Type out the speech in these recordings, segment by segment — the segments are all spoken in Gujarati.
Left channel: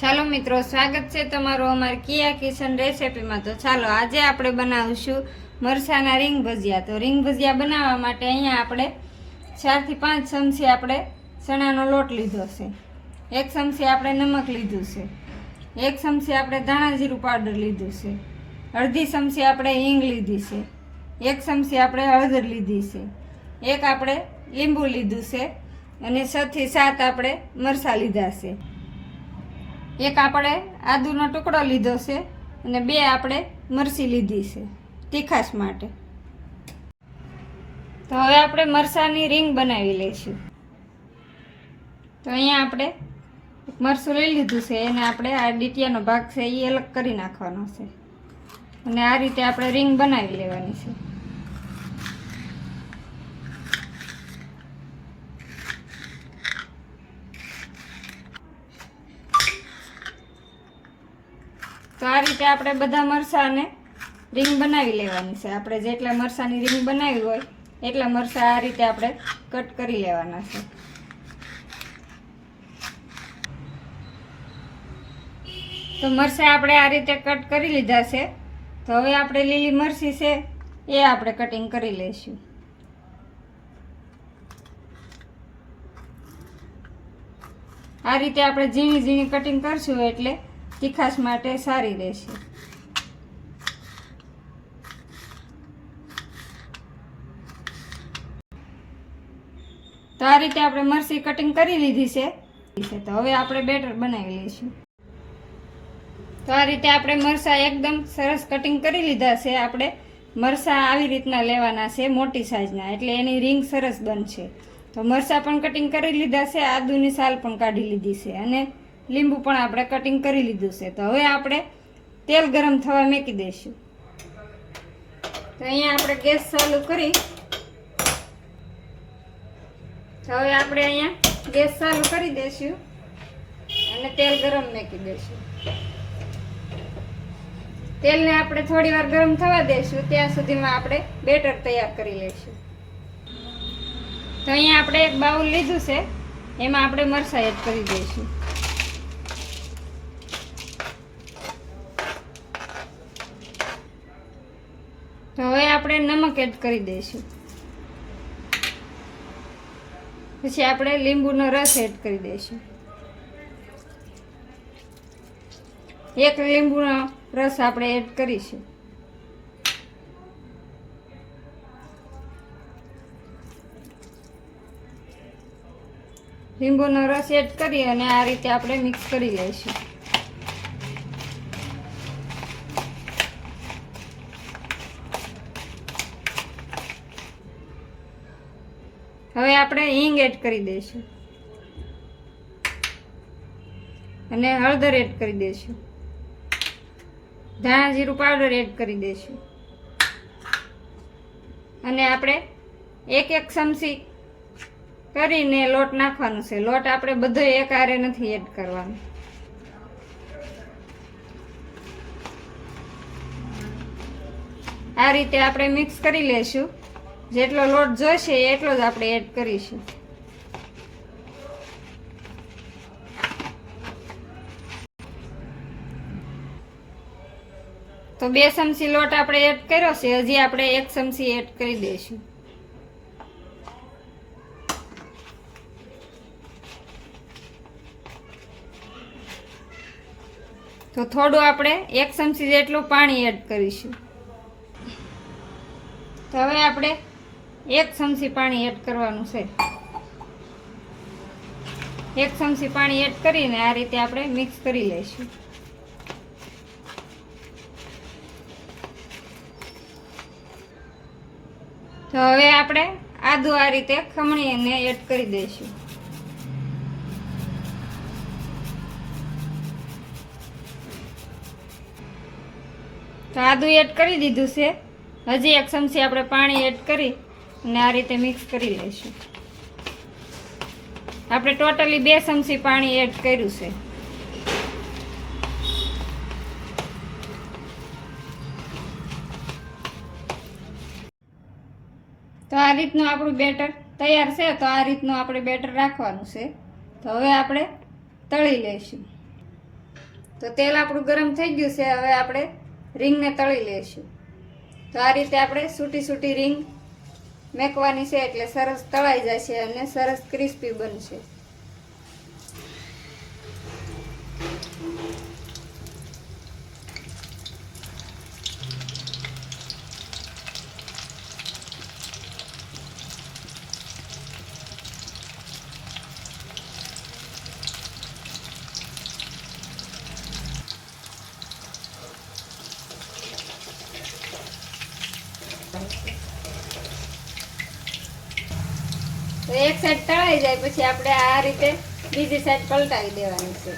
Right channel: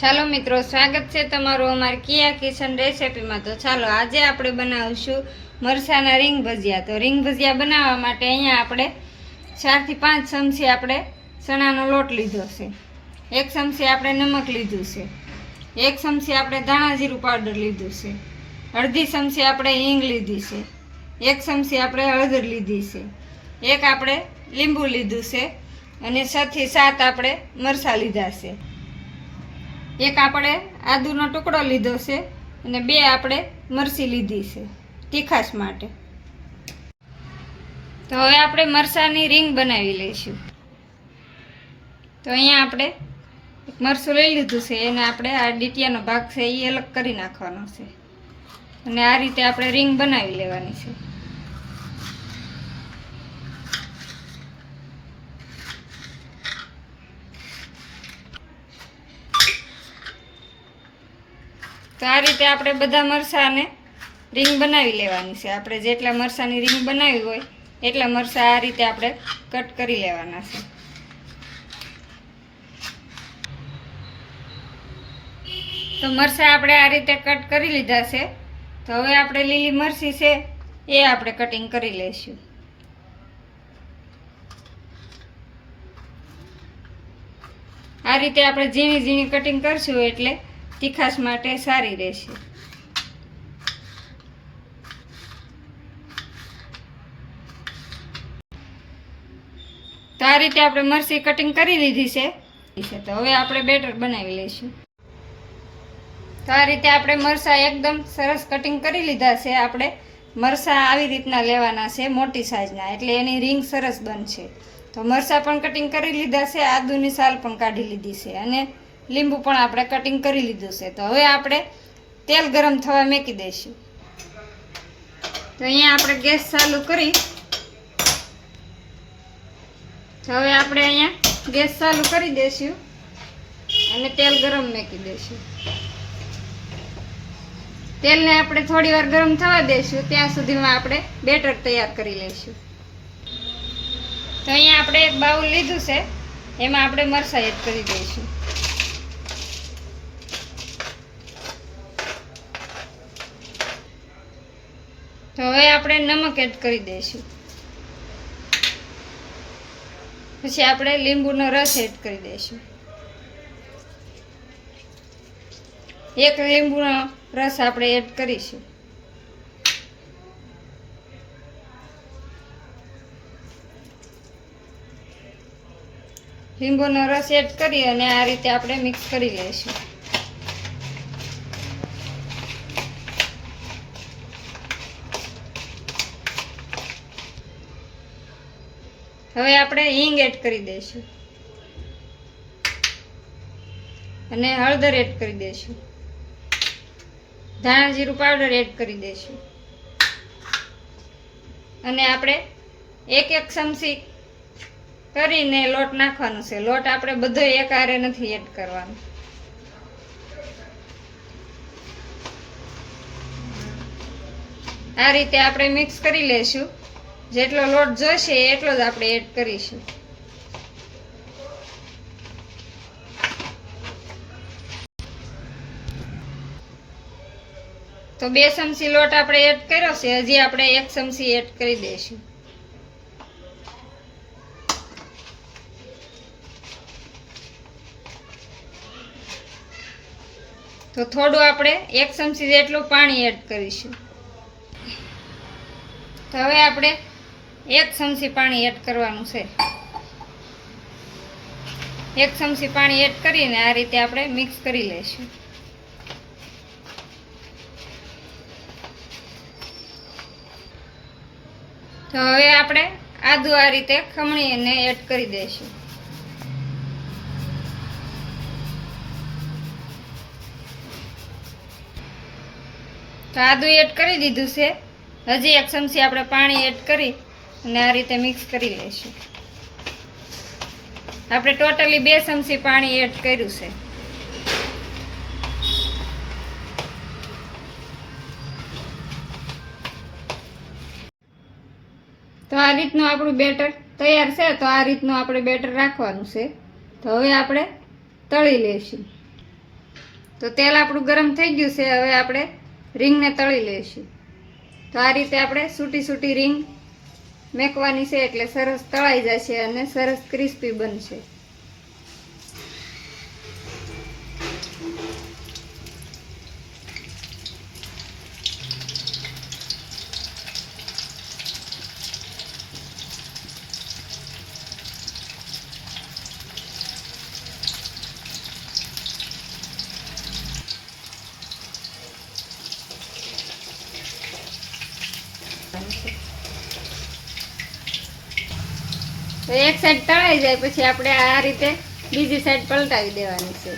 ચાલો મિત્રો, સ્વાગત છે તમારું અમારી કિયા કિચન રેસિપીમાં। તો ચાલો આજે આપણે બનાવીશું મરચાના રીંગ ભજીયા। તો રીંગ ભજીયા બનાવવા માટે અહીંયા આપણે 4 થી 5 ચમચી આપણે ચણાનો લોટ લીધો છે, 1 ચમચી આપણે નમક લીધું છે, 1 ચમચી આપણે ધાણા જીરું પાવડર લીધું છે, અડધી ચમચી આપણે હિંગ લીધી છે, 1 ચમચી આપણે હળદર લીધી છે, 1 આપણે લીંબુ લીધું છે અને 6 થી 7 આપણે મરચાં લીધા છે, 1 આપણે આદુનો ટુકડો લીધો છે અને 2 આપણે મરચી લીધી છે તીખાશ માટે। તો હવે આપણે મરચાંની રીંગ બનાવી લઈશું। તો અહીંયા આપણે એક મરચું લઈ લીધું છે, એને આપણે આ ડીટિયાનો ભાગ છે એ અલગ કરી નાખવાનો છે અને આ રીતે આપણે રીંગ બનાવી લેવાની છે। તો આ રીતે આપણે બધા મરચાંને રીંગ બનાવી લેવાની છે। આપણે જેટલા મરચાંની રીંગ બનાવી હોય એટલા મરચાં આ રીતે આપણે કટ કરી લેવાના છે। તો મરચાં આપણે આ રીતે કટ કરી લીધા છે। તો હવે આપણે લીલી મરચી છે એ આપણે કટિંગ કરી લઈશું। આ રીતે આપણે ઝીણી ઝીણી કટિંગ કરશું એટલે તીખાશ માટે સારી રહેશે। તો આ રીતે આપણે મરચી કટિંગ કરી લીધી છે। તો હવે આપણે બેટર બનાવી લઈશું। તો આ રીતે આપણે મરચાં એકદમ સરસ કટિંગ કરી લીધા છે। આપણે મરચાં આવી રીતના લેવાના છે, મોટી સાઈઝના, એટલે એની રીંગ સરસ બનશે। તો મરચાં પણ કટિંગ કરી લીધા છે, આદુની સાલ પણ કાઢી લીધી છે અને લીંબુ પણ આપણે કટિંગ કરી લીધું છે। તો હવે આપણે તેલ ગરમ થવા મૂકી દઈશું। તો અહીંયા આપણે ગેસ ચાલુ કરી, તો હવે આપણે અહીંયા ગેસ ચાલુ કરી દઈશું અને તેલ ગરમ મૂકી દઈશું। તેલને આપણે થોડી વાર ગરમ થવા દઈશું, ત્યાં સુધીમાં આપણે બેટર તૈયાર કરી લઈશું। તો અહીંયા આપણે એક બાઉલ લીધું છે, એમાં આપણે મરચાં એડ કરી દઈશું। તો હવે આપણે નમક એડ કરી દઈશું, પછી આપણે લીંબુનો રસ એડ કરી દઈશું। 1 લીંબુનો રસ આપણે એડ કરીશું। લીંબુનો રસ એડ કરી અને આ રીતે આપણે મિક્સ કરી લઈશું। હવે આપણે હિંગ એડ કરી દઈશું અને હળદર એડ કરી દઈશું, ધાણા જીરું પાવડર એડ કરી દઈશું અને આપણે 1 ચમચી કરીને લોટ નાખવાનો છે। લોટ આપણે બધો એકહારે નથી એડ કરવાનો। આ રીતે આપણે મિક્સ કરી લઈશું। જેટલો લોટ જોઈશે એટલો જ આપણે એડ કરીશું। તો 2 ચમચી લોટ આપણે એડ કર્યો છે, હજી આપણે 1 ચમચી એડ કરી દઈશું। તો થોડું આપણે 1 ચમચી જેટલું પાણી એડ કરીશું। તો હવે આપણે 1 ચમચી પાણી એડ કરવાનું છે। 1 ચમચી પાણી એડ કરીને આ રીતે આપણે મિક્સ કરી લઈશું। તો હવે આપણે આદુ આ રીતે ખમણીને એડ કરી દઈશું। તો આદુ એડ કરી દીધું છે, હજી 1 ચમચી આપણે પાણી એડ કરી અને આ રીતે મિક્સ કરી લઈશું। આપણે ટોટલી 2 ચમચી પાણી એડ કર્યું છે। તો આ રીતનું આપણું બેટર તૈયાર છે। તો આ રીતનું આપણે બેટર રાખવાનું છે। તો હવે આપણે તળી લઈશું। તો તેલ આપણું ગરમ થઈ ગયું છે. હવે આપણે રીંગને તળી લઈશું. તો આ રીતે આપણે સૂટી સૂટી રીંગ મેકવાની છે, એટલે સરસ તળાઈ જશે અને સરસ ક્રિસ્પી બનશે. તો એક સાઈડ તળાઈ જાય પછી આપણે આ રીતે બીજી સાઈડ પલટાવી દેવાની છે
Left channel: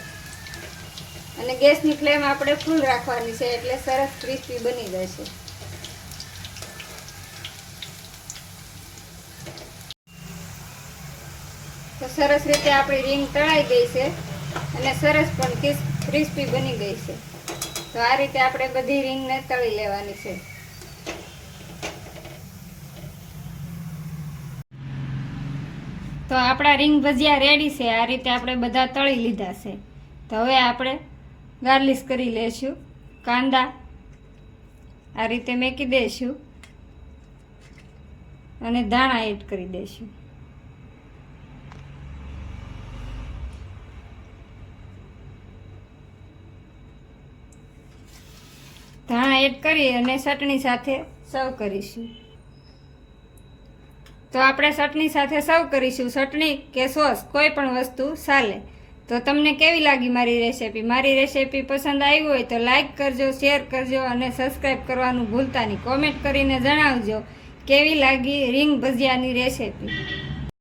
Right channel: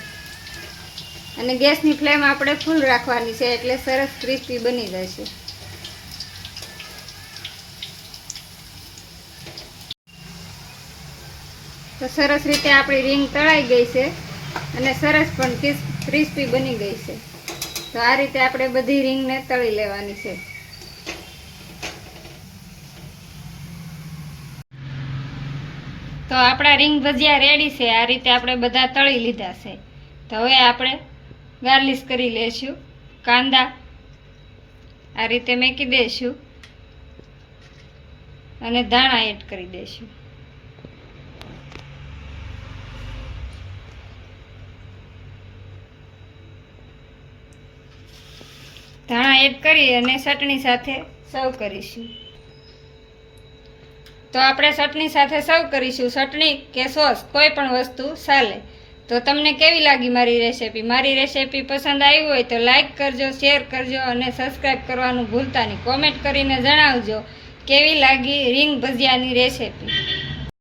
અને ગેસની ફ્લેમ આપણે ફૂલ રાખવાની છે, એટલે સરસ ક્રિસ્પી બની જશે. તો સરસ રીતે આપણી રીંગ તળાઈ ગઈ છે અને સરસ પણ ક્રિસ્પી બની ગઈ છે. તો આ રીતે આપણે બધી રીંગને તળી લેવાની છે. તો આપણા રીંગ ભજીયા રેડી છે. આ રીતે આપણે બધા તળી લીધા છે. તો હવે આપણે ગાર્લિશ કરી લેશું. કાંદા આ રીતે મેકી દઈશું અને ધાણા એડ કરી દઈશું. ધાણા એડ કરી અને ચટણી સાથે સર્વ કરીશું. તો આપણે ચટણી સાથે સર્વ કરીશું. ચટણી કે સોસ કોઈ પણ વસ્તુ ચાલે. તો તમને કેવી લાગી મારી રેસીપી? મારી રેસીપી પસંદ આવી હોય તો લાઈક કરજો, શેર કરજો અને સબસ્ક્રાઈબ કરવાનું ભૂલતા નહીં. કોમેન્ટ કરીને જણાવજો કેવી લાગી રીંગ ભજીયાની રેસીપી.